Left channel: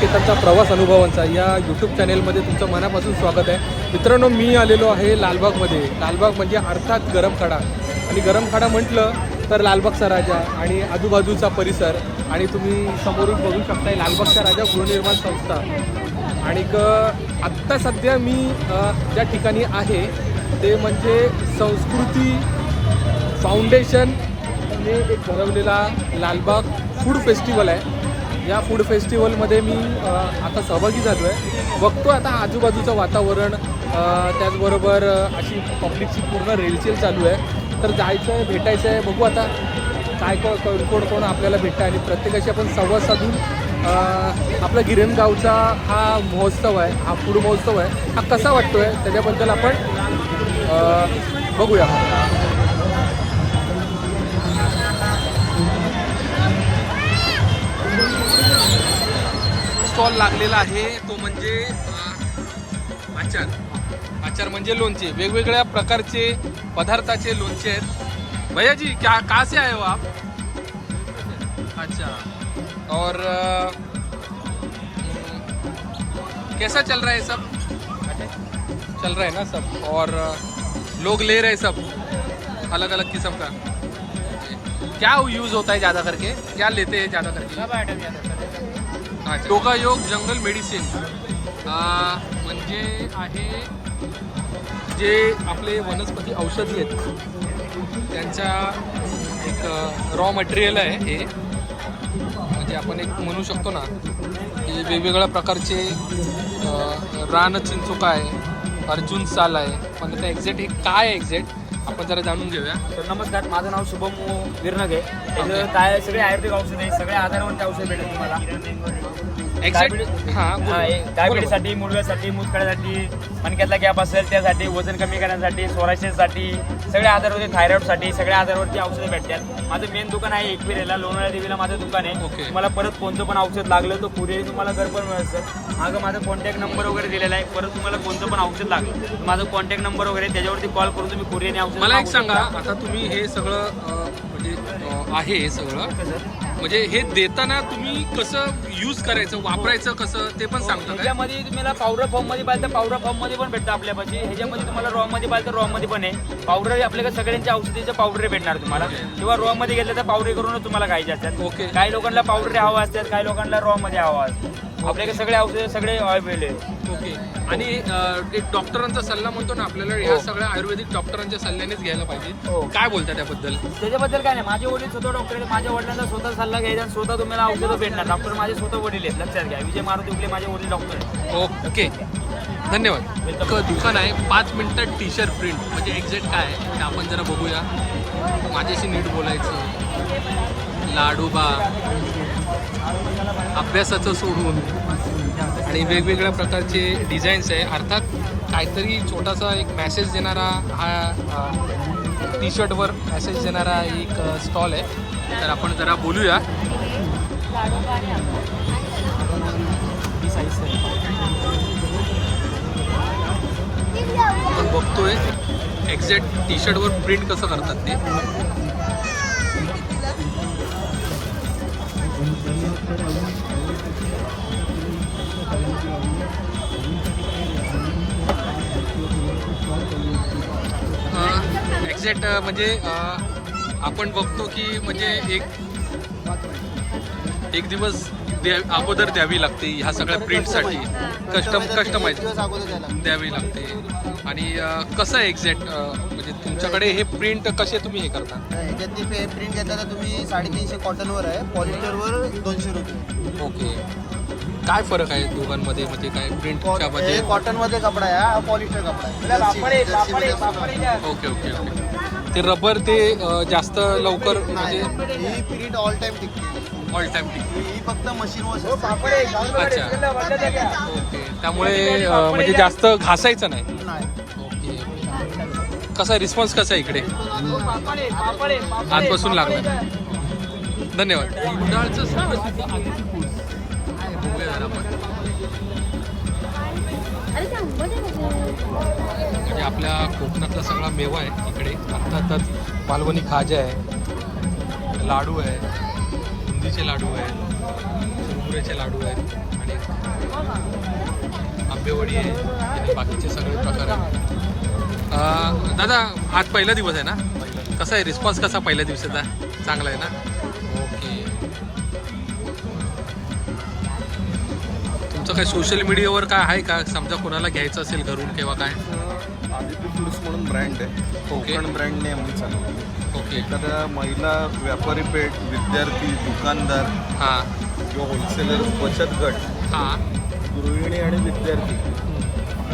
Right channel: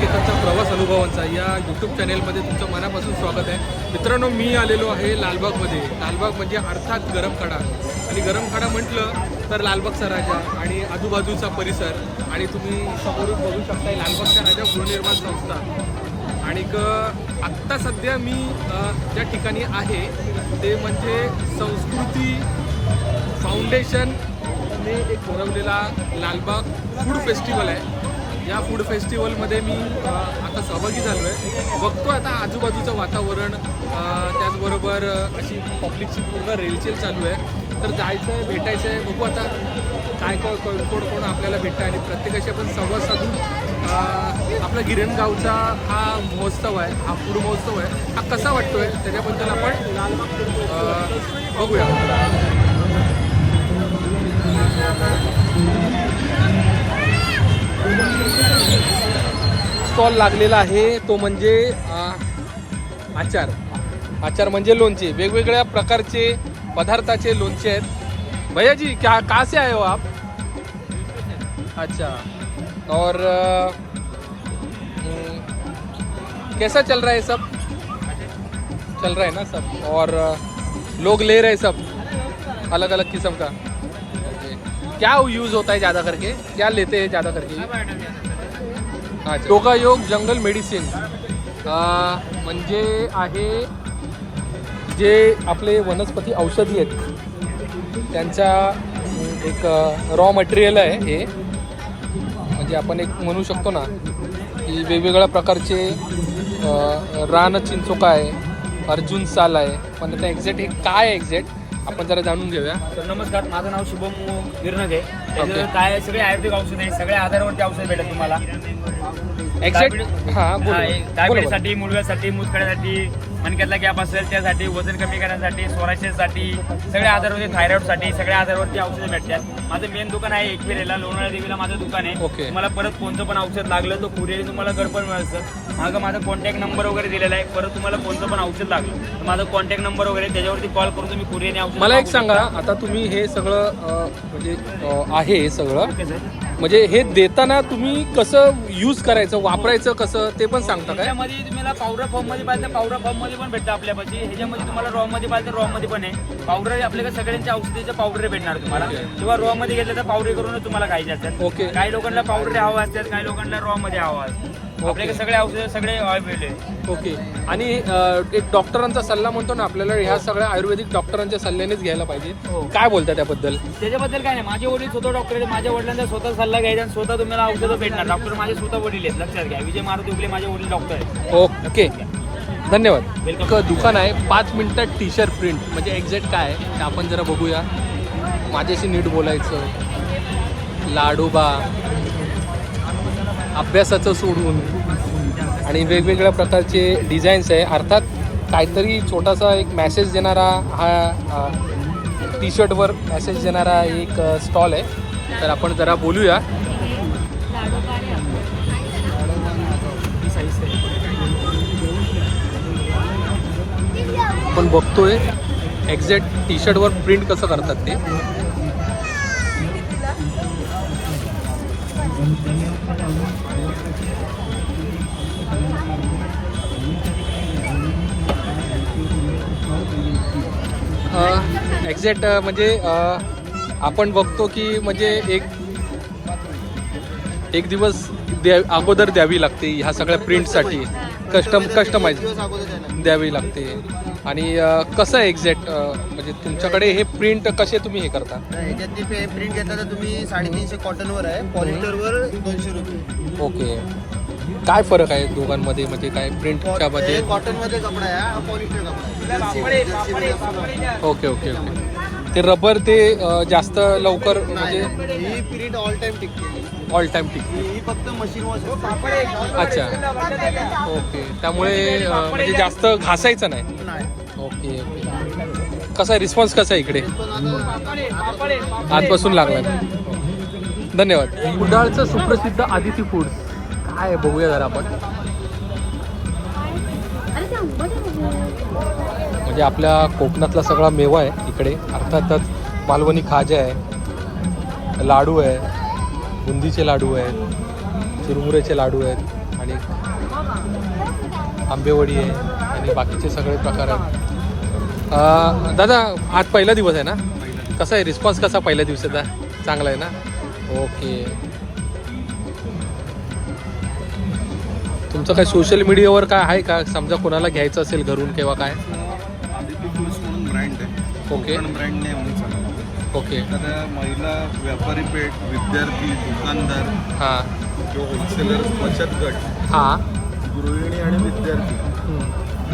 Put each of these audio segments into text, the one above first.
केतनचा प्रवास अनुभवांचा या यूट्यूब चॅनेलमध्ये तुमचं मनापासून स्वागत आहे. मित्रांनो मी आलेलो आहे लालबागमध्ये. लालबाग म्हणजे अर्थात गरमखाडा आणि गरमखाडा म्हटलं तर लालबागचा राजा आणि आजूबाजूचा परिसर. आणि तुम्ही समोरून बघू शकता लालबागचा राजा गृहनिर्माण संस्था. आणि आत्ता सध्या मी ज्या ठिकाणी आहे ते म्हणजे संस्कृती फाउंडेशन. ने एक भरवलेला लालबाग फूड फेस्टिवल आहे. या फूड फेस्टिवलमध्ये मी आता सहभागी झालो आहे बघतो आता आजूबाजूचं वातावरण त्याचबरोबर अशी पब्लिकची पूर्ण रेलचेल चालू आहे. तर जायचं आहे भेटायचं आहे बघू आता काय कोण कोण कोण आपल्याला भेटतं आणि प्रत्येकाशी आपण संवाद साधून आपला गिरणगावचा हा महोत्सव आहे हा फूड महोत्सव आहे हा कसा वाटतो आहे त्याच्याबद्दल आपण बघूया. स्टॉल लागलेला आहे. तो म्हणजे आचार. आचार म्हणजे लोणचे. वेगवेगळ्या प्रकारचे पदार्थाचे लोणचे आहेत. भैया जी क्या कहाँ से आए हो आप? अच्छा. और कैसा चल रहा है सब? चल रहा है ना सब? और लोग ले रहे हैं सब? अलग अलग किस्म का। क्या यूज होता है ज़्यादा करके? क्या लेते हैं ज़्यादा करके? हा टोका योग जंगल मेडिसिन. म्हणजे आहे जे आपले वनस्पती औषधी आहेत. त्यांचा एक रॉ मटेरियल आहे हे. म्हणजे आपण एक म्हणू शकतो ना की वेगवेगळ्या प्रकारचे रान चिंचोका आहे अर्जुन साल आहे. पण आता एक्झॅक्ट हे काय आहे एक्झॅक्ट आपण जरा जाणून घेऊया. तर नमस्कार माझं नाव शुभम विरनगे. काय सगळे आयुर्वेदिक औषध आहे सगळ्या आधारावरती औषध भेटेल तुम्हाला. एक्झॅक्ट हां डायबिटीसाठी मुळव्यासाठी मुतखड्यासाठी मणक्यातला गॅप असेल त्यासाठी वजन कमी करण्यासाठी सोराशेसाठी सगळ्या आधारावरती थायरॉइडसाठी सगळ्या आधारावरती औषधं भेटतात. माझं मेन दुकान आहे एकविरेला लोणाळा देवीला माझं दुकान आहे. Okay. तुम्हाला परत कोणतं पण औषध लागलं तर कुरिअर तुम्हाला घर पण मिळेल सर मागं माझा कॉन्टॅक्ट नंबर वगैरे दिलेला आहे. परत तुम्हाला कोणतं पण औषध लागलं तर माझा कॉन्टॅक्ट नंबर वगैरे त्याच्यावरती कॉल करून तुम्ही कुरिअरने औषध मला एक सांगा. आता तुम्ही हे सगळं म्हणजे आहे सगळं. ओके म्हणजे हे देताना तुम्ही कसं यूज करायचं वापरायचं कसं ते पण सांगता काय? तुम्हाला पावडर फॉर्ममध्ये पाहिजे पावडर फॉर्ममध्ये पण भेटतं आपल्यापाशी. ह्याच्यामध्ये तुम्हाला रॉ मध्ये पाहिजे रॉ मध्ये पण आहे. पावडर आपल्याकडे सगळ्यांच्या औषधीच्या पावडर भेटणार तुम्हाला. Okay. किंवा रॉ मध्ये घेतलं तर पावडर करूनच तुम्हाला खायचे असतात ओके काही लोकांना पावडर हवा असतात काही लोकांना रॉ मध्ये हवा असतात आपल्याकडे सगळे औषध सगळे अवेलेबल आहे ओके. आणि अ, एक डॉक्टरांचा सल्ला म्हणतो ना आपल्याला ह्या सगळ्या आयुर्वेदिक डॉक्टरांच्या सल्ल्यानेच घ्यायला पाहिजे. हो. काय बोलता त्याबद्दल? त्याच्याबद्दल काय नाही. माझे वडील स्वतः डॉक्टर आहेत. माझ्या वडिलांचा स्वतः सल्ला घ्यायचा आणि स्वतः तुम्हाला औषधं भेटणार. डॉक्टर माझे स्वतः वडील आहेत. लक्षात घ्या. विजय मारुती उगले माझे वडील डॉक्टर आहेत. ओके. धन्यवाद. Welcome. एक दुकान आहे. पाच मिनिटात टी शर्ट प्रिंट म्हणजे एक्झॅक्ट काय आहे? ते आपण जरा बघूया. माझ्याशी नीट बोलायचं. लाडोबा. अभ्यासाचं सोडून आणि वेगवेगळ्या प्रकारचे डिझाईन्स आहे. अर्थात काहीतरी छोटासा एक मॅसेज देणारा हा टी शर्टवर मॅसेज देणारा एक स्टॉल आहे. तर आपण जरा बोलूया. आपण बघतोय एक्झॅक्ट टी शर्टवर प्रिंट कसं करतात ते. एक्झॅक्ट म्हणजे आपण बघतो की म्हणजे एक एक दिवस द्या अगोदर द्यावी लागते ह्या सगळ्या प्रिंटसाठी. कस्टम कस्टमाइज द्यावी लागते. आणि कसं एक्झॅक्ट म्हणजे तुमच्याकडे हे प्रिंट कसे तुम्ही हे करता? प्रिंट घेता तर तुम्ही साडेतीनशे कॉटनवर आहे. पॉलिस्टरवर दोनशे रुपये. ओके. काय फरक आहे दोघांमध्ये? म्हणजे काय मध्ये? कॉटनमध्ये कपडा आहे हा पॉलिस्टर कपडा आहे. जर्सी जर्सी मध्ये असतो ना. ओके ओके ओके ते रबर ते अ, जास्त लवकर म्हणजे नाही, ही प्रिंट ऑल टाइम टिकते. ऑल टाइम टिक ही फक्त मशीन वॉश असते. अच्छा. ओके त्यामुळे अ, म्हणजे जास्त घासायचं नाही? नाही. ओके ओके कसा रिस्पॉन्स कसा आहे इकडे? आजपासून लागला. धन्यवाद. कुडाळचं सुप्रसिद्ध आदिती फूड्स काय आहे बघूया जरा आपण. म्हणजे आपल्या कोकणातला सगळा मेवा आहे इकडे. अर्थातच मालवणी खाजा आहे लाडू आहे बुंदीचे लाडू आहेत चुरमुऱ्याचे लाडू आहेत आणि आंबेवडी आहे आणि बाकीचे सगळे प्रकार आहेत. दादा आज पहिला दिवस आहे ना? कसा आहे? रिस्पॉन्स कसा पहिल्या दिवसाचा? चांगला आहे ना? ओके तुमचं काय सोशल मीडियावर काय आहे का? समजा कोणाला घ्यायचं असेल घरून किंवा काय? आदित्य फूड्स म्हणून ब्रँड आहे. ओके. ब्रँड नेम आम्ही ओके एखाद्या महिला व्यापारी पेठ विद्यार्थी दुकानदार हां. किंवा होलसेलर बचत गट हां. गृहिणी आणि विद्यार्थी.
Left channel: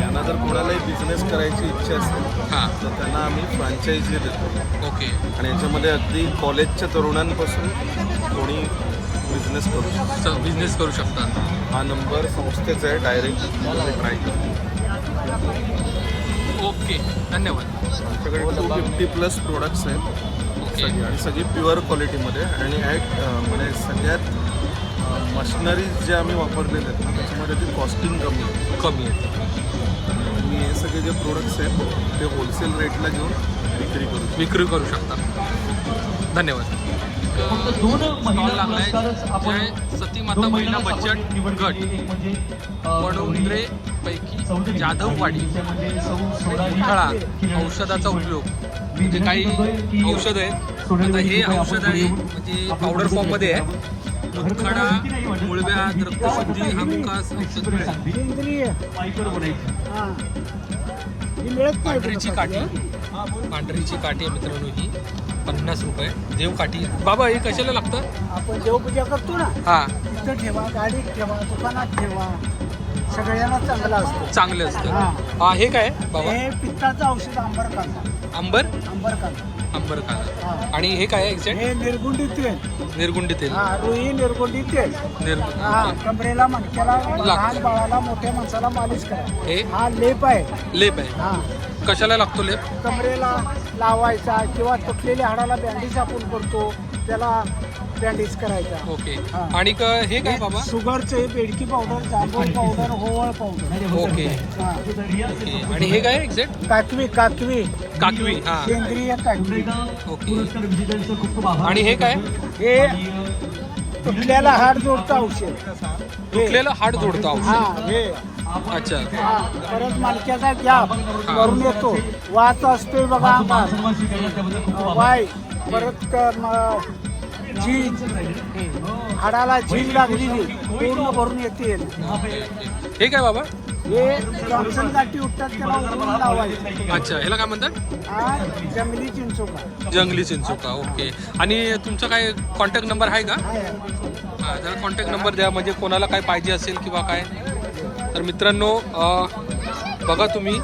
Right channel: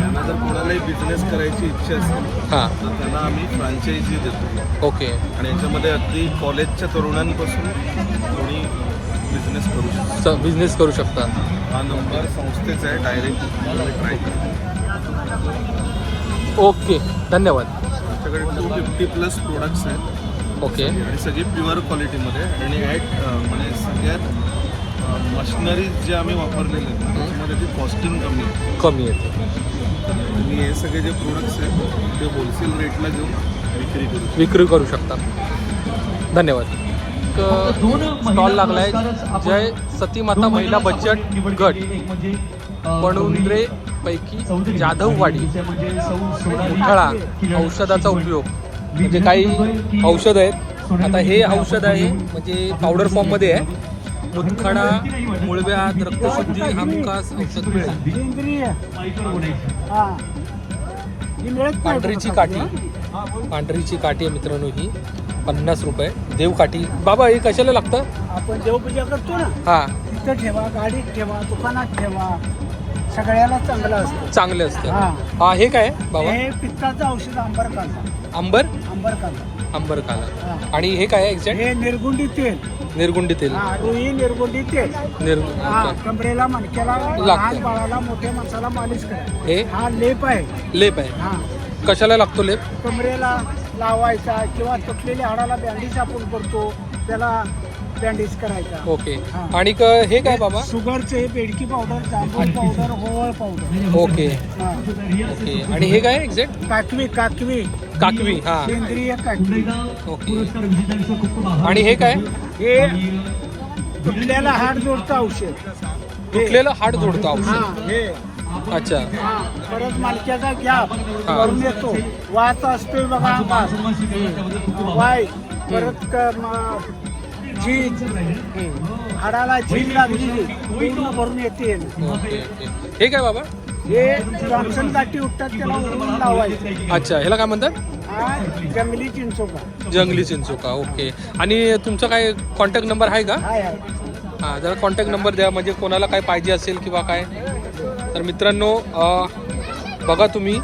यांना जर कोणालाही बिझनेस करायची इच्छा असेल हां. तर त्यांना आम्ही फ्रँचायझी देतो. ओके आणि याच्यामध्ये अगदी कॉलेजच्या तरुणांपासून कोणी बिझनेस करू शकतो बिझनेस करू शकता. हा नंबर संस्थेचा आहे डायरेक्ट ओके धन्यवाद. आमच्याकडे टू फिफ्टी प्लस प्रोडक्ट्स आहेत. ओके. आणि सगळी प्युअर क्वालिटीमध्ये आणि ॲट म्हणजे सगळ्यात मशिनरीज जे आम्ही वापरलेले आहेत त्याच्यामध्ये ती कॉस्टिंग कमी आहे. कमी आहे. आणि हे सगळे जे प्रोडक्ट्स आहेत ते होलसेल रेटला घेऊन विक्री करू. विक्री करू शकता. धन्यवाद. स्टॉल लागलाय. जय सतीमाता महिला बचत गट. पणुंद्रे पैकी जाधववाडी मुठाळा औषधाचा उपयोग. म्हणजे काही औषध आहेत. आता हे औषध आहे म्हणजे पावडर फॉर्ममध्ये आहे. मुतखडा मुळव्यात रक्तशुद्धी हमखास औषध मिळेल. पांढरीची काठी. पांढरीची काठी आहे मित्रांनो ही. पन्नास रुपये. देव काठी. बाबा हे कशाला लागतं? आपण देवपूजा करतो ना हा. तिथं ठेवा गाडीत ठेवा दुकानात ठेवा. सगळ्याला चांगलं असतं. चांगले असतं. हा. हा हे काय बाबा? हे पित्ताचं औषध आंबर कांदा अंबर आंबर? कांदा अंबर काला हा. आणि हे काय एक्झॅक्ट हे निर्गुंडी तेल. निर्गुंडी तेल. हा रुई निर्गुंडी तेल. निर हा. कमरेला मणक्याला लहान बाळाला मोठ्या माणसाला मालिश करा. हे? हा लेप आहे. लेप आहे. हा. कशाला लागतो लेप? कमरेला लावायचा किंवा तुटलेल्या हाडाला बँडेज आपण करतो. त्याला बँडेज करायचा. ओके. हा. आणि क- हे काय बाबा? शुगरचे बेडकी पावडर जांभूळ पावडर होवळ पावडर ओके. हा. ओके. आणि हे काय एक्झॅक्ट काकवी काकवी. काकवी हा. सेंद्रिय काकवी. ओके. आणि हे काय? हे तुटल्याला हाड जोडतं औषध. तुटलेलं हाड जोडतो हा औषध. हे. अच्छा. हा परत मालक्याचा गॅप करून येतो. वात असतोय बघा अंगात वाय. परत क- म- झीज. हाडाला झीज लागलेली पूर्ण भरून येते. ओके ओके हे काय बाबा. हे जॉन्सन गाठी उठतात त्याला उडवून लावायचं. अच्छा ह्याला काय म्हणतात? हा जंगली चिंचोका. जंगली चिंचोका ओके. आणि तुमचा काय कॉन्टॅक्ट नंबर आहे का? हां जरा कॉन्टॅक्ट नंबर द्या म्हणजे कोणाला काय पाहिजे असेल किंवा काय. तर मित्रांनो अ, बघा तुम्ही.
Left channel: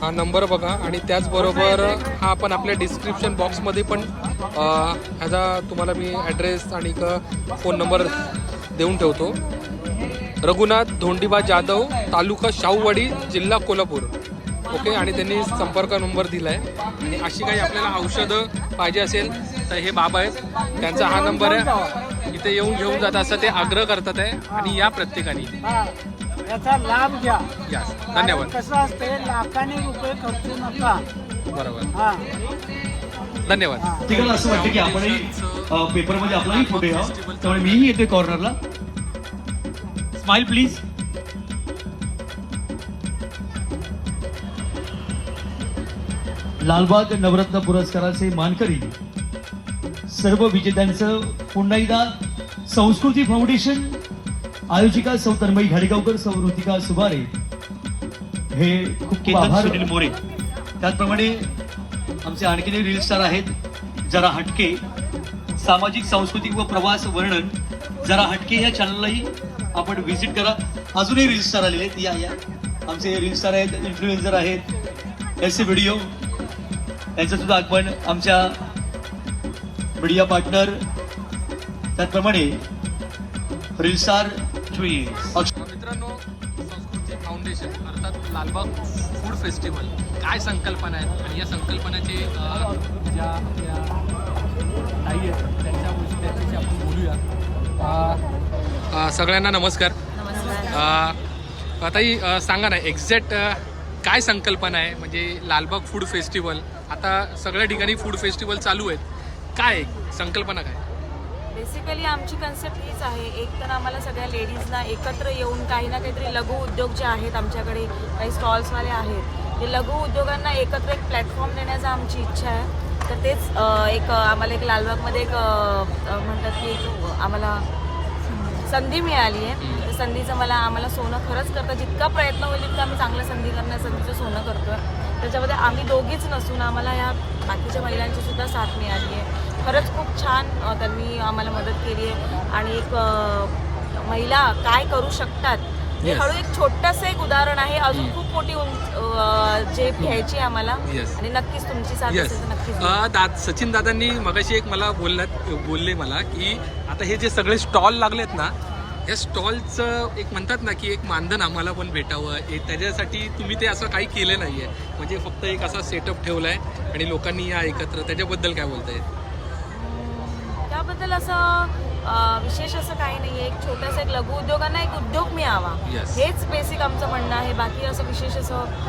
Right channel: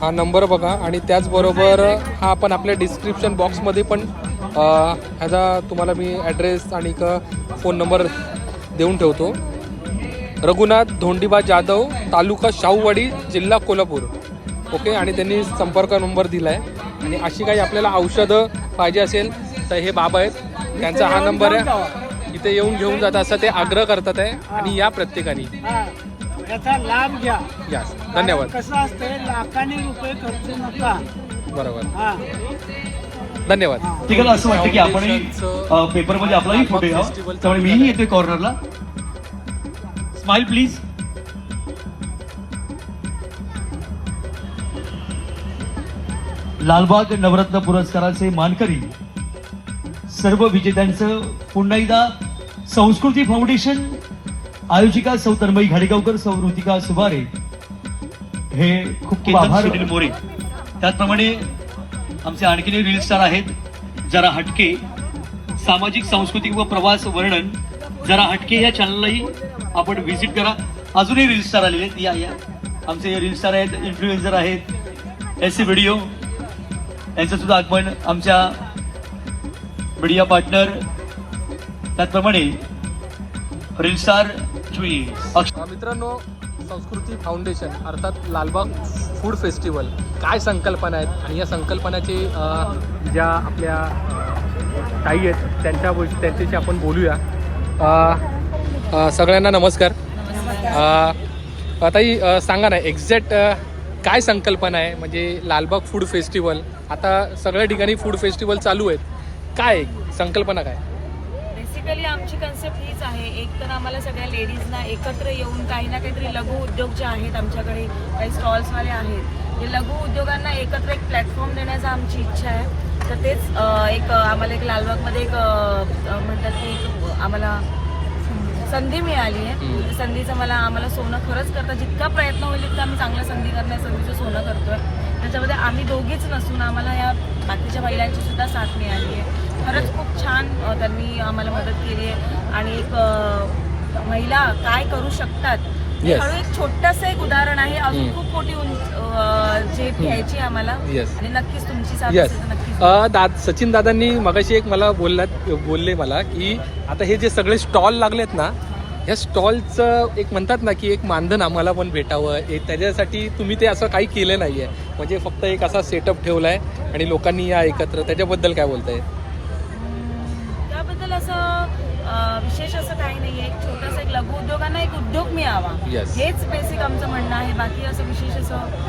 हा नंबर बघा आणि त्याचबरोबर हा आपण आपल्या डिस्क्रिप्शन बॉक्समध्ये पण ह्याचा तुम्हाला मी ॲड्रेस आणि फोन नंबर देऊन ठेवतो. रघुनाथ धोंडीबा जाधव तालुका शाहूवाडी जिल्हा कोल्हापूर. ओके आणि त्यांनी संपर्क नंबर दिला आहे आणि अशी काही आपल्याला औषधं पाहिजे असेल तर हे बाबा आहेत. त्यांचा हा नंबर आहे. इथे येऊन घेऊन जात असं ते आग्रह करतात आहे. आणि या प्रत्येकाने. हा. याचा लाभ घ्या. या धन्यवाद. कसं असतंय लाखाने रुपये खर्चू नका. बरोबर. हा. धन्यवाद. प्रत्येकाला असं वाटतं की आपणही अ, पेपरमध्ये आपलाही फोटो यावा त्यामुळे मीही येतोय कॉर्नरला स्माइल प्लीज लालबाग नवरत्न पुरस्काराचे मानकरी सर्व विजेत्यांचं पुन्हा एकदा संस्कृती फाउंडेशन आयोजिका सौ तन्मयी घाडेगावकर सौ ऋतिका सुबारे. हे खूप खूप केतन आभार. सुनील मोरे. त्याचप्रमाणे आमचे आणखीन रील स्टार आहेत जरा हटके. सामाजिक सांस्कृतिक व प्रवास वर्णन जरा हटके या चॅनललाही आपण व्हिजिट करा. अजूनही रील स्टार आलेले आहेत या या. आमचे रील स्टार आहेत इन्फ्लुएन्सर आहेत एस सी व्हिडिओ यांचं सुद्धा आगमन आमच्या मीडिया पार्टनर त्याचप्रमाणे रील स्टार मित्रांनो संस्कृती फाउंडेशन अर्थात लालबाग फूड फेस्टिवल. काय संकल्पना आहेत? आणि या संकल्पनाचे ज्या आपल्या ताई आहेत त्यांच्या त्यांच्याशी आपण बोलूया. सगळ्यांना नमस्कार. ताई सांगा ना एक्झॅक्ट काय संकल्पना आहे? म्हणजे लालबाग फूड फेस्टिवल आता सगळ्या ठिकाणी फूड फेस्टिवल चालू आहेत. काय? संकल्पना काय? बेसिकली आमची कन्सेप्ट हीच आहे. एक तर आम्हाला सगळ्या लेडीजना एकत्र येऊन काही ना काहीतरी लघु उद्योग जे आहेत आमच्याकडे काही स्टॉल्सवाले आहेत हे लघु उद्योगांना एकत्र एक प्लॅटफॉर्म देण्याचा आमची इच्छा आहे. तर तेच एक आम्हाला एक लालबागमध्ये एक म्हणतात की आम्हाला संधी मिळाली आहे. त्या संधीचं मला आम्हाला सोनं खरंच करतं जितका प्रयत्न होईल तितकं आम्ही चांगलं संधी करण्या संधीचं सोनं करतोय. त्याच्यामध्ये आम्ही दोघीच नसून आम्हाला या बाकीच्या महिलांची सुद्धा साथ मिळाली आहे. खरंच खूप छान त्यांनी आम्हाला मदत केली आहे. आणि एक महिला काय करू शकतात? Yes. हळू एक छोटस एक उदाहरण आहे. अजून खूप मोठी झेप घ्यायची आहे आम्हाला. Yes. आणि नक्कीच तुमची साथ येस असेल तर नक्कीच दाद सचिन दादांनी मगाशी एक मला बोललात बोलले मला की आता हे जे सगळे स्टॉल लागलेत ना ह्या स्टॉलचं एक म्हणतात ना की एक मानधन आम्हाला पण भेटावं. एक त्याच्यासाठी तुम्ही ते असं काही केलं नाही आहे म्हणजे फक्त एक असा सेटअप ठेवला आहे आणि लोकांनी या एकत्र त्याच्याबद्दल काय बोलताय हम्म, त्याबद्दल असं विशेष असं काही नाही एक छोटासा एक लघु उद्योगांना एक उद्योग मिळावा. Yes. हेच बेसिक आमचं म्हणणं आहे. बाकी असं विशेष असं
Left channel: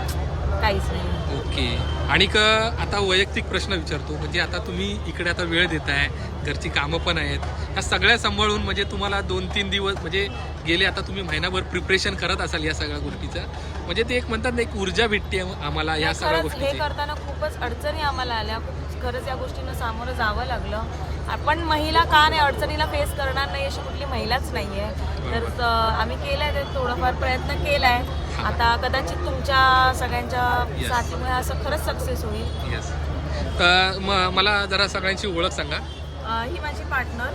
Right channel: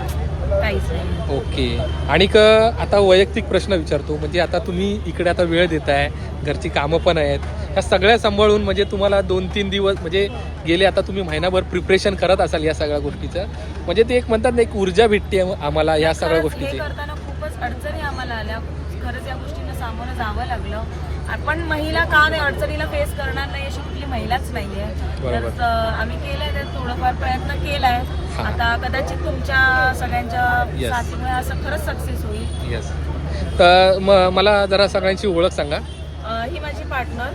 काहीच नाही. ओके. आणि क आता वैयक्तिक प्रश्न विचारतो. म्हणजे आता तुम्ही इकडे आता वेळ देताय. घरची कामं पण आहेत. ह्या सगळ्या सांभाळून म्हणजे तुम्हाला दोन तीन दिवस म्हणजे गेले आता तुम्ही महिनाभर प्रिपरेशन करत असाल या सगळ्या गोष्टीचं. म्हणजे ते एक म्हणतात ना एक ऊर्जा भेटते आम्हाला या सगळ्या खरंच हे गोष्टीची. करताना खूपच अडचणी आम्हाला आल्या. खरंच या गोष्टींना सामोरं जावं लागलं. आपण महिला का नाही अडचणीला फेस करणार नाही अशी कुठली महिलाच नाहीये. तर आम्ही केलंय ते थोडंफार प्रयत्न केलाय. आता कदाचित तुमच्या सगळ्यांच्या. साथीमुळे असं खरंच सक्सेस होईल तर मला जरा सगळ्यांची ओळख सांगा ही माझी पार्टनर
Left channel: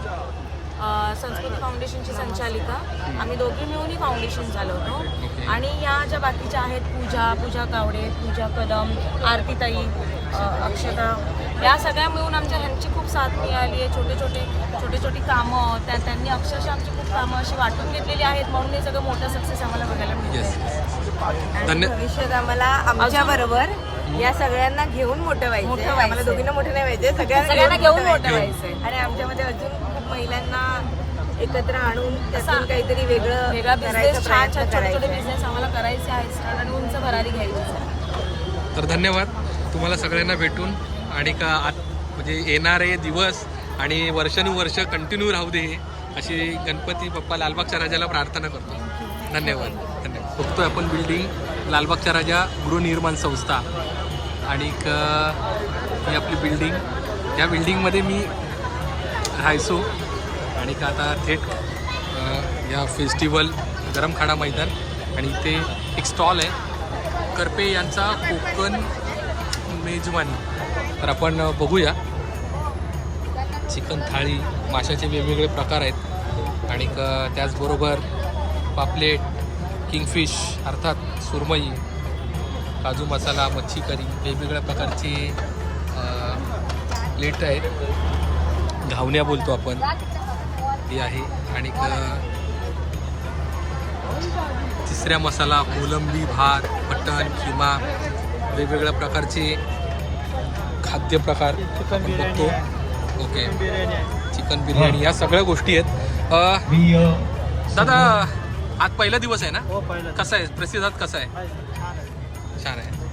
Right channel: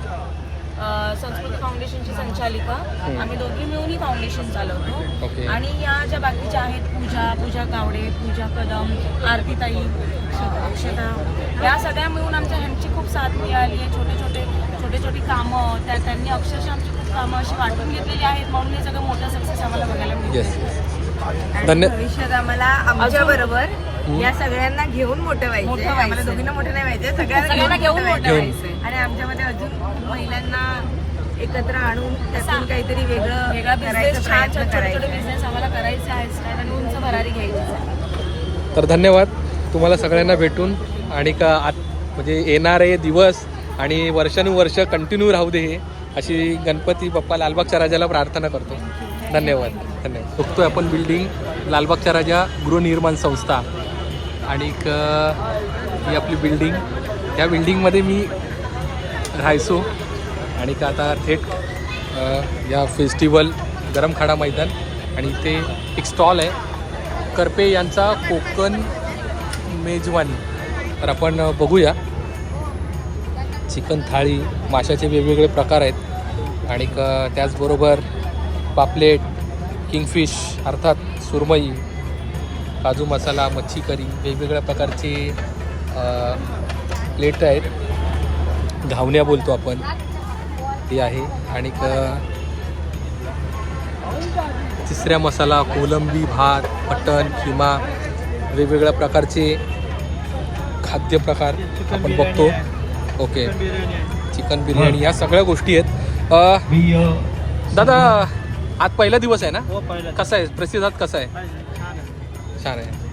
संस्कृती फाउंडेशनची संचालिका. आम्ही दोघी मिळून ही फाउंडेशन चालवतो. आणि या ज्या बाकीच्या आहेत पूजा पूजा कावडे पूजा कदम आरतीताई अक्षता या सगळ्या मिळून आमच्या ह्यांची खूप साथ मिळाली आहे. छोटे छोटे छोटी छोटी कामं त्या त्यांनी अक्षरशः आमची खूप कामं अशी वाटून घेतलेली आहेत. म्हणून हे सगळं मोठं सक्सेस आम्हाला बघायला मिळतं भविष्यात आम्हाला आमच्या बरोबर या सगळ्यांना घेऊन मोठं व्हायचं मोठं. आम्हाला दोघींना मोठं नाही व्हायचं सगळ्यांना घेऊन मोठं घेऊन. व्हायचंय. आणि आमच्यामध्ये अजून महिलांना एकत्र आणून त्यातून काहीतरी वेगळं वेगळा करायचं बिझनेस छान छान छोटे बिझनेस आम्हाला करायचे आहेत. स्टार्ट आणि उंच भरारी घ्यायची आहे. तर धन्यवाद. तुम्हाला सगळ्यांना भेटून आणि का आत म्हणजे येणारे दिवस आणि वर्षानुवर्ष कंटिन्यू राहू दे हे अशी गणपती बाप्पा लालबागच्या राजाला प्रार्थना करतो. धन्यवाद. धन्यवाद. बघतोय आपण बिल्डिंग लालबागच्या राजा गृहनिर्माण संस्था आणि क- ही आपली बिल्डिंग या बिल्डिंगमध्ये मी राहायचो. आणि का आता थेट या फेस्टिवल गरमखाडा मैदान आणि इथे एक स्टॉल आहे. करपे यांचा कोकण मेजवानी. तर आपण बघूया. चिकन थाळी माशाचे वेगवेगळे प्रकार आहेत. आणि क- त्याचबरोबर पापलेट किंगफिश अर्थात सुरमई काजू मसाला मच्छी करी वेगवेगळ्या प्रकारचे प्लेट आहेत. घावण्या बोलतो आपण. ते आहे आणि तिसऱ्या मसाला कोलंबी भात मटण किमा वेगवेगळ्या प्रकारचे खाद्यप्रकार आपण बघतो. ओके. चिकन बिर्याणी या सगळ्या गोष्टी आहेत. दादा आज पहिला दिवस आहे ना? हो पहिलं कसा आहे? प्रतिसाद कसा आहे. छान आहे.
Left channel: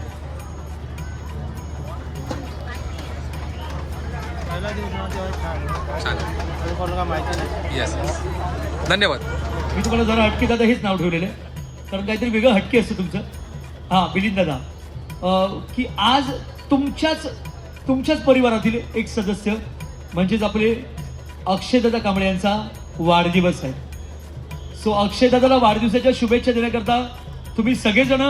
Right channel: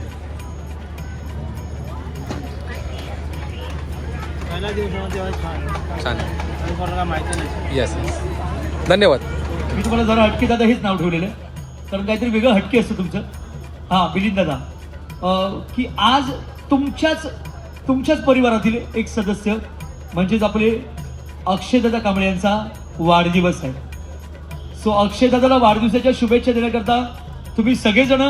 छान आहे. कोणाला माहिती नाही. येस धन्यवाद. मी तुम्हाला जरा हटके दादा हेच नाव ठेवलेलं आहे. कारण काहीतरी वेगळं हटके असतं तुमचं. हा मिलिंद दादा. की आज तुमच्याच तुमच्याच परिवारातील एक सदस्य म्हणजेच आपले अक्षयदादा कांबळे यांचा वाढदिवस आहे. सो अक्षयदादाला वाढदिवसाच्या शुभेच्छा देण्याकरता तुम्ही सगळेजण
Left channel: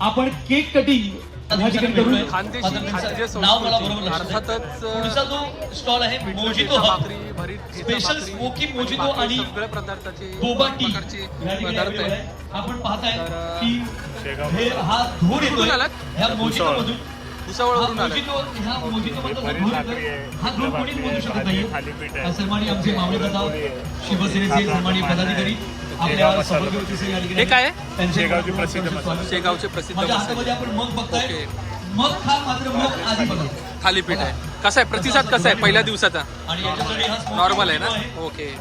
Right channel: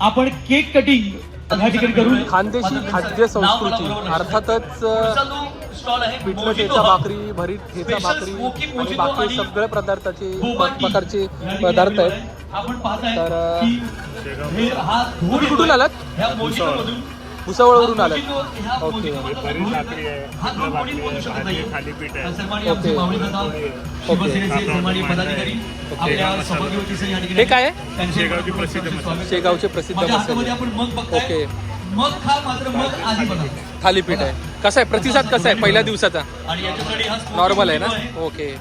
आपण केक कटिंग खानदेशी खाद्य संस्कृती अर्थातच पिठलं ठेचा भाकरी भरीत ठेचा भाकरी आणि बाकी सगळ्या पदार्थाचे प्रकारचे पदार्थ आहेत. तर, कुठून आलात? भुसावळवरून आलात ओके भरीत भाकरी आहे पिठलं भाकरी आहे भाजी आहे, थालीपीठ आहे. ओके. ओके. साबणाचं मांडणं आहे. शेगाव मसाला हे काय आहे? शेगावची प्रसिद्ध मसाला शेगावचे प्रसिद्ध मसाले ओके. मग खा मात्र मग आधी बनव. थालीपीठ आहे. कसा आहे? प्रतिसाद कसा आहे पहिल्या दिवसाचा? हा नॉर्मल आहे ना? ओके.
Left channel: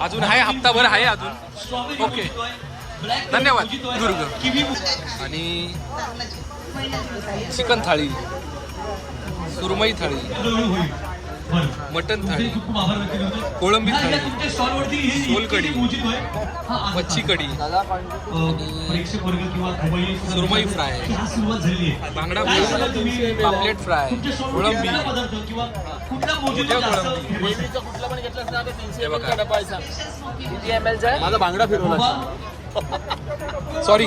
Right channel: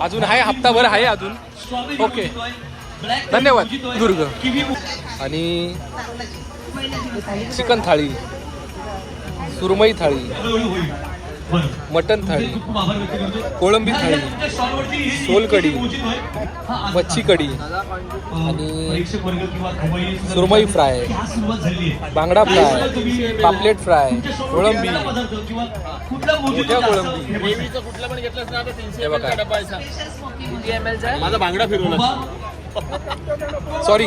अजून आहे? हप्ताभर आहे अजून? ओके. धन्यवाद दुर्ग. आणि चिकन थाळी सुरमई थाळी मटन थाळी कोळंबी थाळी. हा, मच्छी किंवा खमाई सुरमई फ्राय बांगडा फ्राय पापलेट फ्राय कोळंबी मोठ्या कोळंबी. हे बघा. माझा बांगडा फिरवला. सॉरी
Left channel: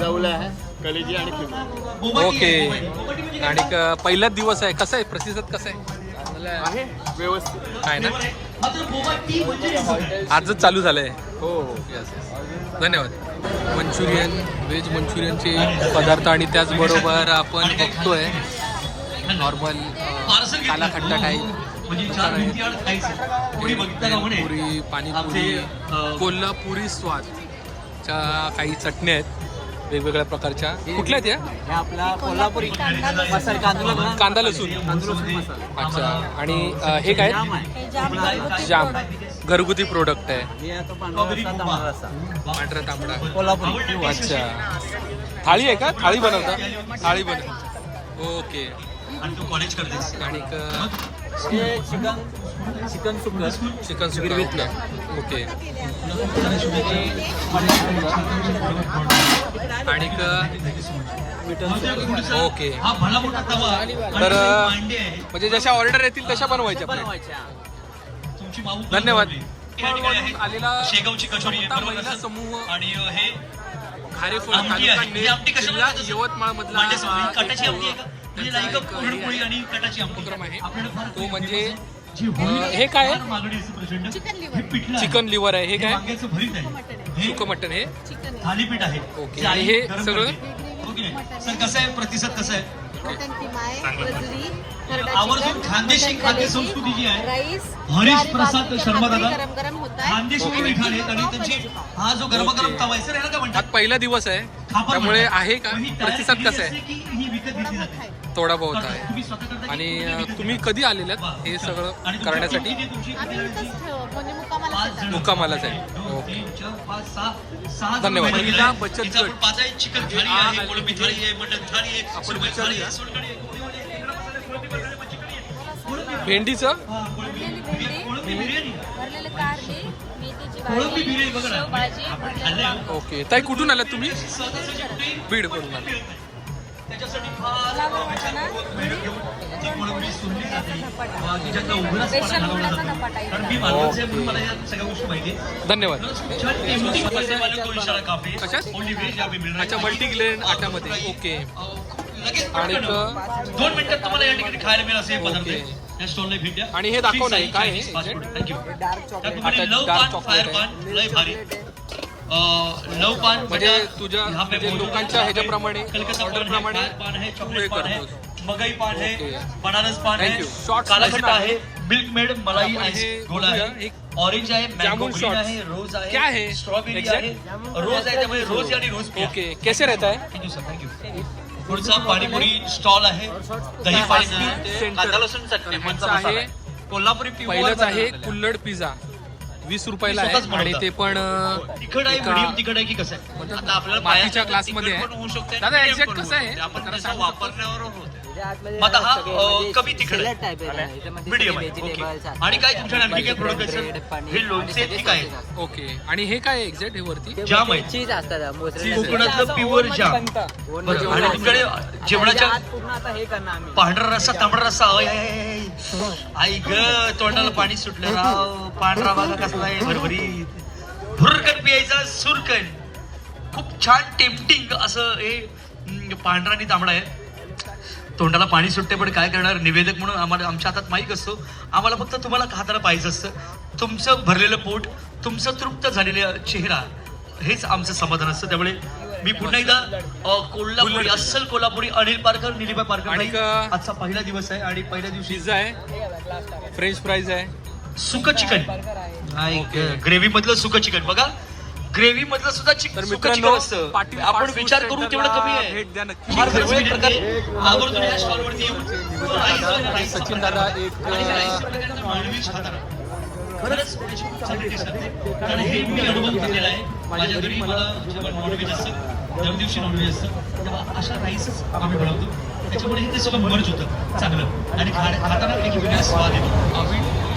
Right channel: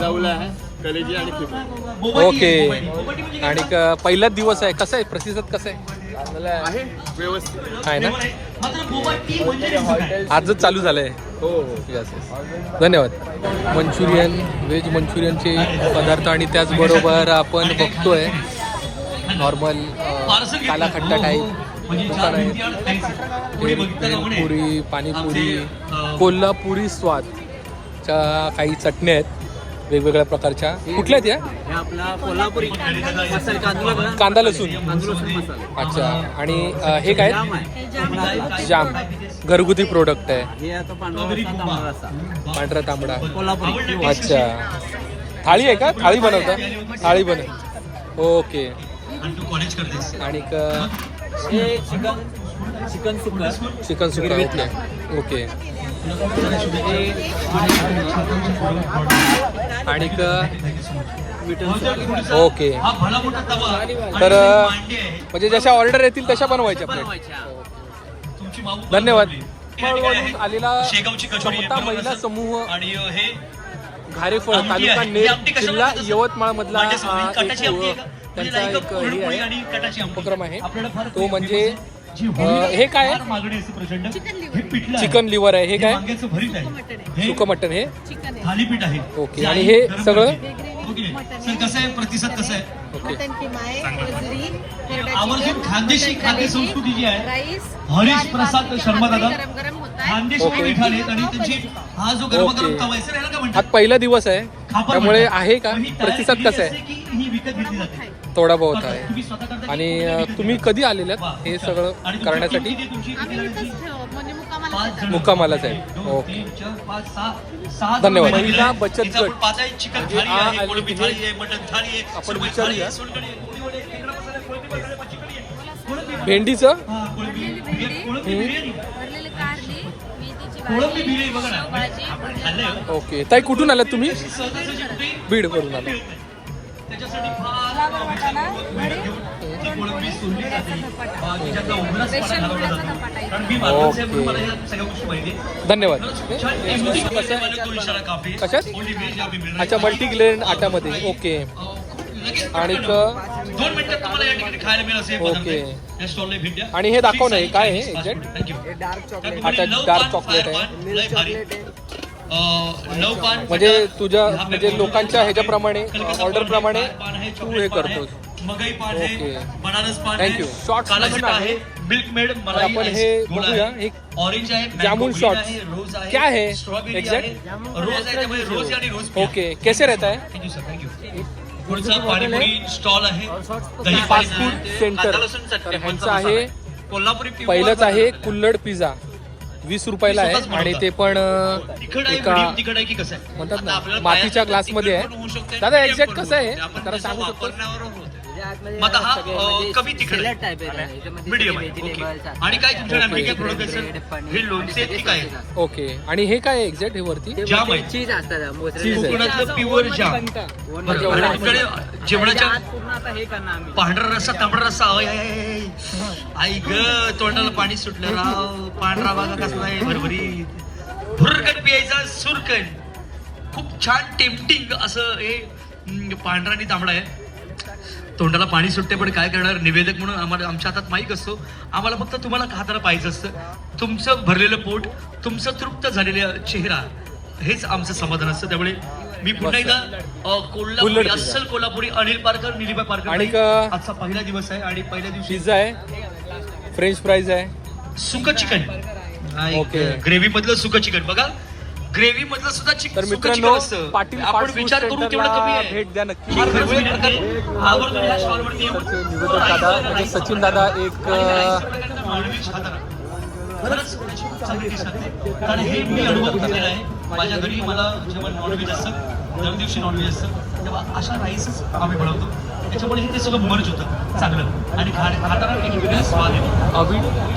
जवला आहे कलेजी आणि ओके. आणि क- पहिलाच दिवस आहे. कसं आहे? प्रतिसाद कसा आहे? आहे. व्यवस्थित. आहे ना? आजच चालू झालंय. हो हो. धन्यवाद. मंचुरियन व्हेज मंचुरियनचे पदार्थ आणि त्याचबरोबर आपण बघतोय नॉर्मल काला खट्टा टाईप दुकान आहे पुरी पाणीपुरी कोल्हापुरी स्वाद त्या काही चटण्या आहेत. वेगवेगळ्या प्रकारच्या. कुठल्या आहेत या? आपला कोल्हापुरी. मसाला तांदूळ बघा. कांदा लसूण. अच्छा. आणि अ, हे काय जाम घरगुती प्रोडक्ट आहे. पांढरा तांबडा कोल्हापुरी. अच्छा. थाळी आहे का? थाळी बनवता? थाळी बनव ओके. आणि चिकन चिकन सुक्का. चिकन सुरमई ओके. आणि ओके हा भला मोठा तवा तर. म्हणजे जशा ऑर्डर येतील तशा बनवायच्या धन्यवाद. आलेला महिला? समूह आणि हे घारेफळ तालुका नेर कशाला जिल्हा? यवतमाळ मधला मांड्यासमोर कटाची आमटी आहे का? म्हणजे त्यांचा एक हे. उपक्रम आहे. तो म्हणजे हे काय हे. चिकन लिव्हर आहे. हे हे काय? वांग्याचं भरीत आहे. हे सुकं मटन हे? थालीपीठ आहे. ओके. आणि हे सगळं? हो कसं आहे? प्रतिसाद कसं आहे? आवर्जून खानदेशी खाद्य संस्कृती जी आहे हरीश प्रसाद शर्मा दादा. ओके. आणि हा जो गरमागरम ओके. तवा आहे सर याला काय आज म्हणतात पहिला दिवस आहे खापर त्यामुळे म्हणतात. आहे का पण ही तयार प्रतिसाद केलेली कसा आहे असते की ही विकत घेतली जाते थोडा बहुत करतात. आहे तुम्ही स्वतः करता की आणि अ, तुम्ही? कधी आलेलात वा, हे. सगळं तुमची करण्यासाठी तुमची? म्हणजे मुक्कामाला पाच जण. मुक्कामालाच आहे. दोन, ओके. तीन, चार, पाच, सहा, सहा जण धन्यवाद. महिला. बचत इथं आपण गट. म्हणजे थाळी आ- आहे, आली कोळंबी तिथे. थाळी आहे, मटण थाळी आहे, आपण सुरमई विचारूया. थाळी आहे, सोलकढी आहे, कोळंबी आहे, खेकडा मसाला आहे, कोळंबी मसाला आहे, मच्छी कढी आहे, कोळंबी आहे. भेंडीचं हा, कोळंबी बिर्याणी, कोळंबी बिर्याणी. ओके ताई कुठून आलात तुम्ही बीड वरून आला आहेत. धन्यवाद कसं आहे कशात अच्छा मल्टीग्रेन आटामध्ये ओके आणि क- दोन मिनिटात तुम्हाला या ठिकाणी खायला मिळेल असे पदार्थ ओके. आणि हे दाखव ना, हे काय आहे, Fix exact? Thank you. हे डार्क चॉकलेट आता डार्क चॉकलेट आहे. चॉकलेट म्हणजे तुझ्या म्हणजे लोकांच्या ह्याच्याप्रमाणे ऑर्डर प्रमाणे है, तू हे है ओके. काला मधून खट्टा आहे. मिल्क मेड तर आपण हे बघूया. ऑरेंज आहे जामुन आहे क्या है? आहे रोज आहे त्यामुळे रोज. ओके कैसे रहता है? थँक्यू सर थँक्यू पुढचा पाणीपुरी स्टॉल आहे दही फास्ट फूड. सेंटर तर ह्यांचं. आहे कोल्हापुरी पहिलंच आहे. कुल्लड पिझ्झा वीस रुपयाला आहे आणि ते पण एका म्हणतात ना, मातीच्या ग्लासमध्ये आहे. दादा, पण कसं आहे? जरा सांगू शकतो? कमी तिखट. टाईप आणि काय तुमच्याकडे हे ओके आणि हे काय एक्झॅक्ट हे वरती? जाम आहे चीज असतात चीज आहे. कोकणातलं प्युअर जाम आपल्याकडे जेवणाच्या हे करणार आम्ही. पांढरा रस्सा तांबडा रस्सा. आई ग तोंडाला पाणी सुटलं राव. पांढरा बघा कसा आहे भरभरी. भुरकन पियायचा सुरकन. खूप छान टेम्पटिंग असं हे पांढरा आणि तांबडा आहे. तोंडाला पाणी सुटते पण काय करणार? निवेदक म्हणून आम्हाला आमच्या हातात माहीत असतो. आम्हाला फक्त तुम्हाला हाताला पाहिजे असतं. तुमचं भरलेलं पोट तुमचं तृप्त झालेला चेहरा हेच आमचं समाधान असतं. त्यामुळे मी पुन्हा एकदा कोल्हापुरी. अस्सल कोल्हापुरी अनिल पारकर निलिमा पारकर. आणि का- आजचा पहिला दिवस आहे आणि पहिल्या दिवशी पिझ्झा आहे. फ्रेंच फ्राईज आहे. सुक चिकन. ओके. ग्रेव्ही मधलं सुक चिकन. बघा ग्रेव्ही मधलं सुद्धा चिकन तर मित्रांनो पाटील फूड सेंटरला भेट द्या नक्की. निवेदक दादा म्हणजे सचिन दादा एक माझ्या घरी मला दिवशी नॉनव्हेज असतं अशा राईसच आम्ही बनवतो.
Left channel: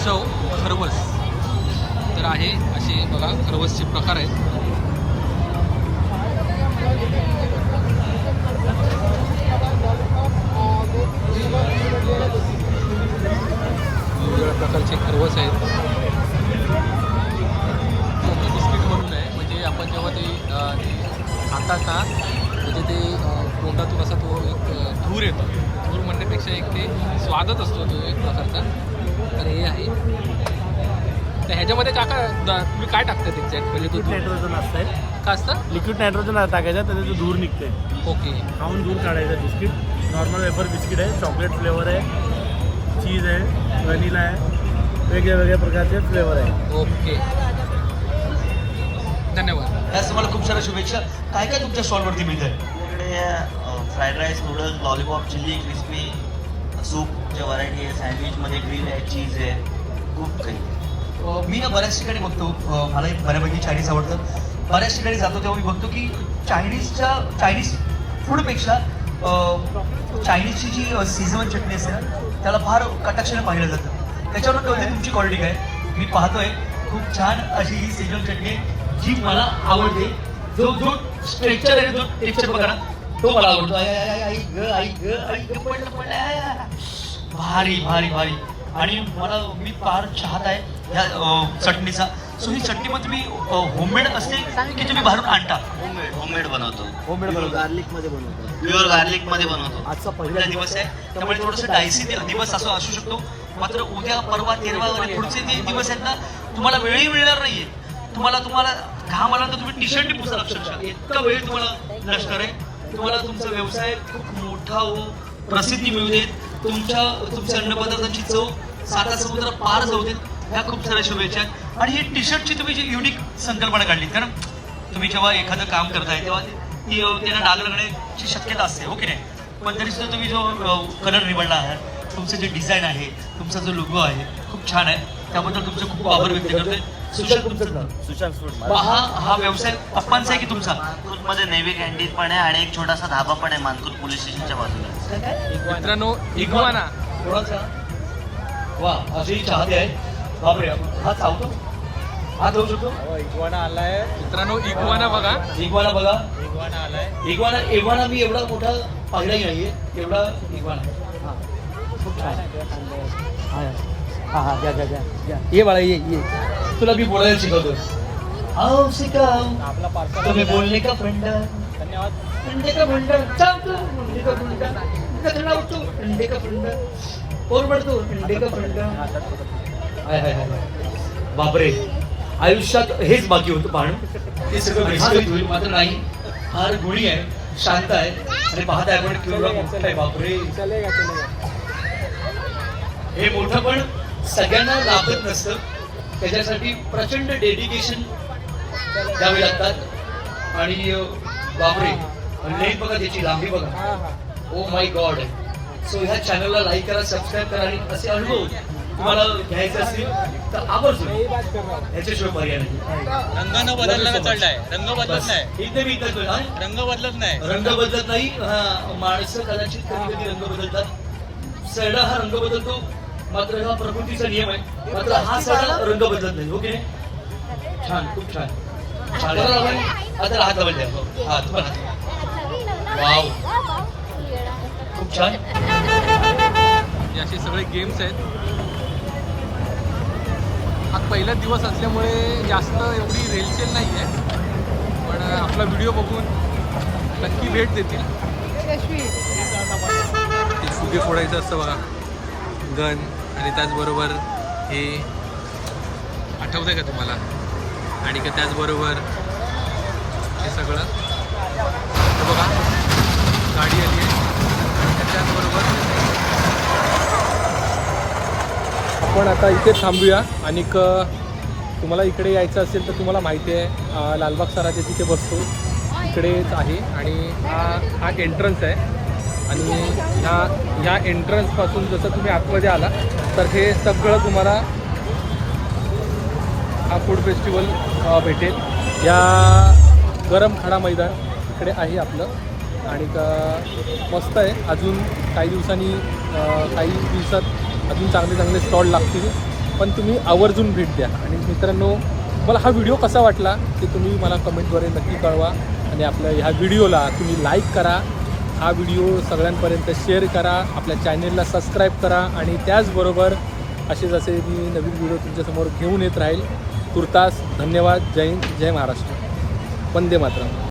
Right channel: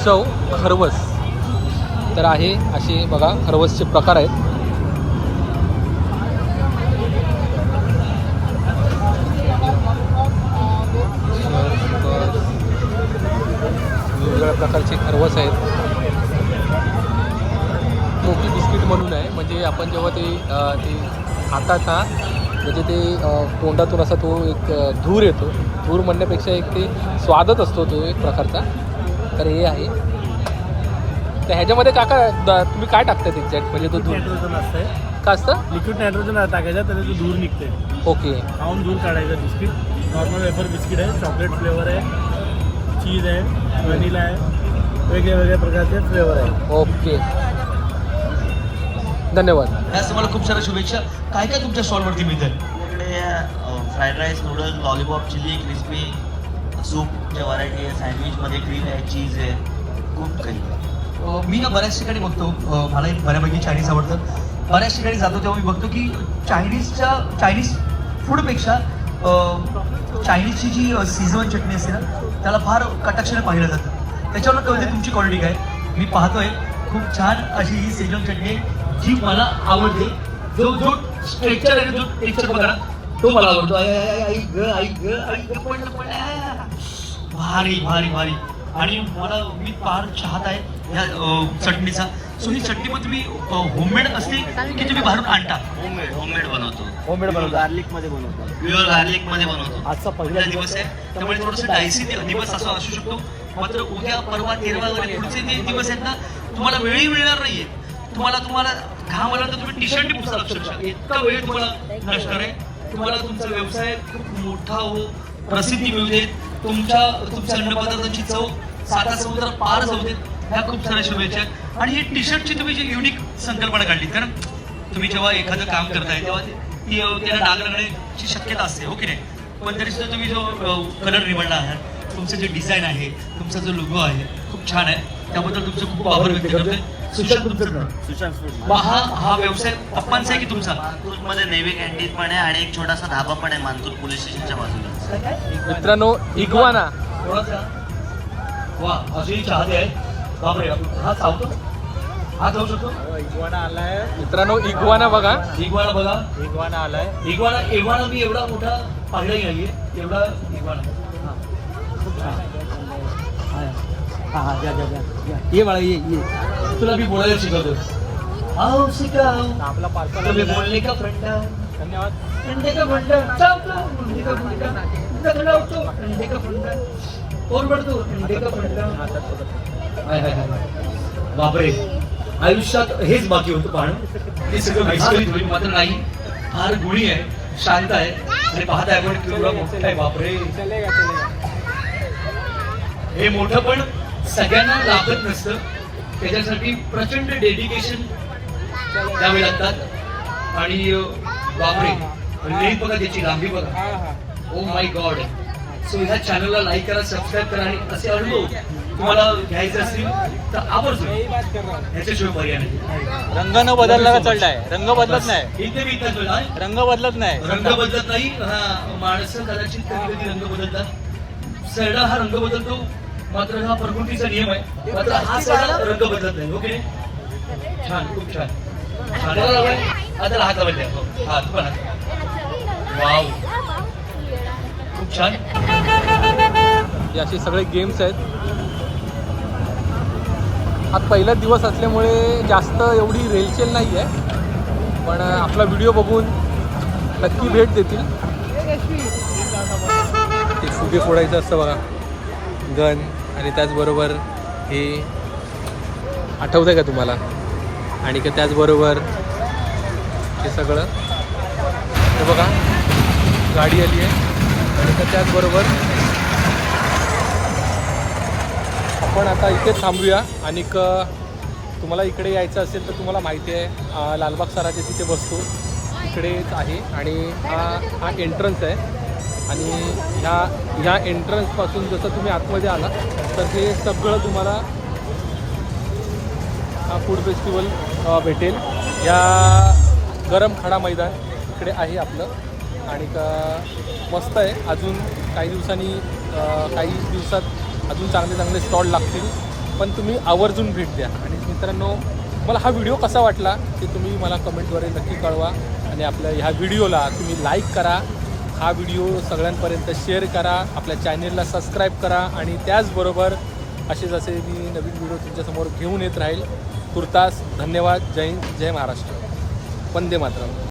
चव खरवस. तर आहे असे बघा खरवसचे प्रकार आहेत. वेगवेगळ्या प्रकारचे खरवस आहेत. मोकी बिस्किट म्हणून आहे. म्हणजे आपण जेव्हा ते ते खातात ना म्हणजे ते तोंडातून असा तो एक धूर येतो. धूर म्हणण्यापेक्षा एक ते स्वादच असतो तो एक प्रकारचा. तर हे आहे. तर ह्याच्यामध्ये काका द- तुम्ही काय टाकतात एक्झॅक्ट म्हणजे तो धूर नायट्रोजन असतंय. का असतं? लिक्विड नायट्रोजन टाकायचं त्याचा जो धूर निघते ओके. खाऊन दूर काढायचं बिस्किट. नॉर्मल वेपर बिस्किट आहे चॉकलेट फ्लेवर आहे चीज आहे व्हॅनिला आहे वेगळ्या वेगळ्या प्रकारचे फ्लेवर आहे. ओके. धन्यवाद. त्याच तुम्हाला खूप साऱ्या शुभेच्छा. काय काय तुमच्या स्टॉलवरती मिळत आपल्याकडे fried rice noodles lollipop chilli crispy सूपच्या व्हरायटी आहे सँडविचमध्ये ग्रीन आहे चीज आहे खूप काही मी ना बऱ्याच ठिकाणी बघतो मला एक बऱ्यापैकी चायनीज आवडतं बऱ्याच ठिकाणी जातो तेव्हा मी बघतो की चायनीजच्या चायनीज फूडपेक्षा चायनीजची जी सीझन चटणी असते ना त्याला फार कटाक्षाने पाहिलं जातं त्याच्यावर कळते तुमची क्वालिटी काय मी पाहतोय खूप छान अशी ही सीझन चटणी जी मला आवडते जो जो स्ट्रेक्चर आहे जो टेक्स्चर बघा तो मला आवडतो आई आई आई ग आई ग आई ग पडलं पडलं भारी भारी भारी आणि मला मी फार चाहत आहे ह्या अं, चटणीचा. सो ही चटणी मग तुम्ही होममेड असते की तुम्ही बाहेरून आणता? होममेड होममेड बनवतो. होममेड बनवतो. गार्लिकमध्ये बनवतो. प्युअर गार्लिकमध्ये बनवतो. आजचा पहिला दिवस आहे. त्यामुळे थोडंसं डायसी दिवस असा असू शकतो. मात्र उद्या परवा तेरवा आणि पुढचे जे दिवस आहेत ना तुम्हाला वेळही मिळणार नाहीये. तुम्हाला तुम्हाला घाम आला तर तुम्ही टी शर्ट पुसता अक्षरशः इतका वेळ तुम्हाला नसणार आहे. तुम्हाला तुमचा व्यवसाय खूप मोठा हो प्रसिद्धी मिळू देत. तुमच्या तुमच्या अन्नपदार्थांची चव साता समुद्र पार जाऊ देत. ह्या खूप साऱ्या शुभेच्छा. आणि ही टी शर्टची तुम्ही जी युनिक संकल्पना काढली कारण तुम्ही जेव्हा एखादं काम करताय तेव्हा ती त्याला डाग लागण्याची शक्यता असते हो की नाही? पण तरी सुद्धा तुम्ही जो कलर निवडला आहात तुमचं जे डिझाईन आहे तुमचा जो लोगो आहे खूप छान आहे. त्याबद्दल तुमचे खूप आभार व्यक्त करते सुशांत तुमचं नाव. सुशांत फूड हा हा व्यवसाय आहे की तुमचा? मध्ये नेव्ही कॅन्टीन पण आहे आणि एक छोटासा धाबा पण आहे मानपूर पोलीस स्टेशनच्या बाजूला. मित्रांनो इगवाना. कोणाचा? वा अजूनही चाहते आहे बापरे हा चावतो हा जाऊ शकतो? मित्रांनो इगवाना बघा. इगवाना बघा. इगवाना इगवाना मी एवढा मोठा पाहिलाही नाहीये. एवढा इगवाना. हा. खूप छान. हा. हा हा द्या द्या द्या. ये बाळा ये ये. तुला मी बोलायला शिकवतो. आओ शिकाव तुम्ही बोलले का फंडा अंडे का फंडा चालतो अंडे का होतो अंडे का फंडा बापरे. आयुष्यात हेच बाकी होतं पाहणं. ते सगळं होईल मात्र नाही. फार गुणी आहे. शांत आहे. आणि पाहता आपण केवढा मोठा आहे. बापरे. हे मोठं पण सगळ्यांना लाभत नसतं. त्याच्यासाठी प्रचंड डेडिकेशन द्यावे लागतात. आणि अं, बापरे. लेन बघा त्याची लांबी बघा. ओ माय गॉड सो ह्या चॅनलला लाईक करा सबस्क्राईब करा आणि असे अनुभव तुम्हाला घ्यायचे असतील तर आवर्जून ह्याच्याशिवाय पर्याय नाही. रंग न बदलला चाललाय रंग बदलत नाही. इथे मी हा? रंग बदलत नाही. रंग बदलत नाही. हा, माणसं कदाचित कधी कधी रंग बदलतात. सरडा हा रंग बदलतो. मात्र हा प्रकृतीचा नियम आहे. मात्र हा सरडा रंग बदलत नाही. ओके छान खूप छान. आता हात दाबून द्या हा तुम्हाला. खूप छान हे असे सगळे गेम्स आहेत. हा पहिला दिवस असल्यामुळे जास्त एवढी रेलचेल नाही आहे पण आपला व्हिडिओ बघून नक्की भेट देतील. ते फुगे फोडायचं असतं बघा. गन आणि त्याचबरोबर हे आठवतं आहे का तुम्हाला? आणि का त्याचबरोबर हे सगळं? हे बघा गाडी आली आहे. तर त्याचबरोबर? आपण आता इथे थांबूया. आणि तुम्हाला इकडे यायचं असेल तर तुम्हाला माहिती आहे लालबाग सराच्या तिथे बसतो इकडेच आहे. आणि हा- हा एंट्रन्स आहे. आणि ह्या ह्या एंट्रन्सपासून जसं तुम्ही आतमध्ये आला तर हे सगळं तुम्हाला हा फूड फेस्टिवल भेटेल. या गरम खाडा मैदान इकडे आहे आपलं. आणि का मस्त आहे. अजून काही दिवसांनी काही दिवसात अजून चांगले चांगले स्टॉल लागतील. पण तुम्ही आवर्जून भेट द्या. आणि मित्रांनो मला हा व्हिडिओ कसा वाटला ते तुम्ही मला कमेंटद्वारे नक्की कळवा. आणि आपल्या ह्या व्हिडिओला तुम्ही लाईक करा. हा व्हिडिओ सगळ्यांपर्यंत शेअर करा. आपल्या चॅनेलला सबस्क्राईब करा. आणि त्याचबरोबर असे जसे मी नवीन व्हिडिओ तुमच्यासमोर घेऊन येत राहील. तुर्तास धन्यवाद. जय जय महाराष्ट्र. वंदे मातरम.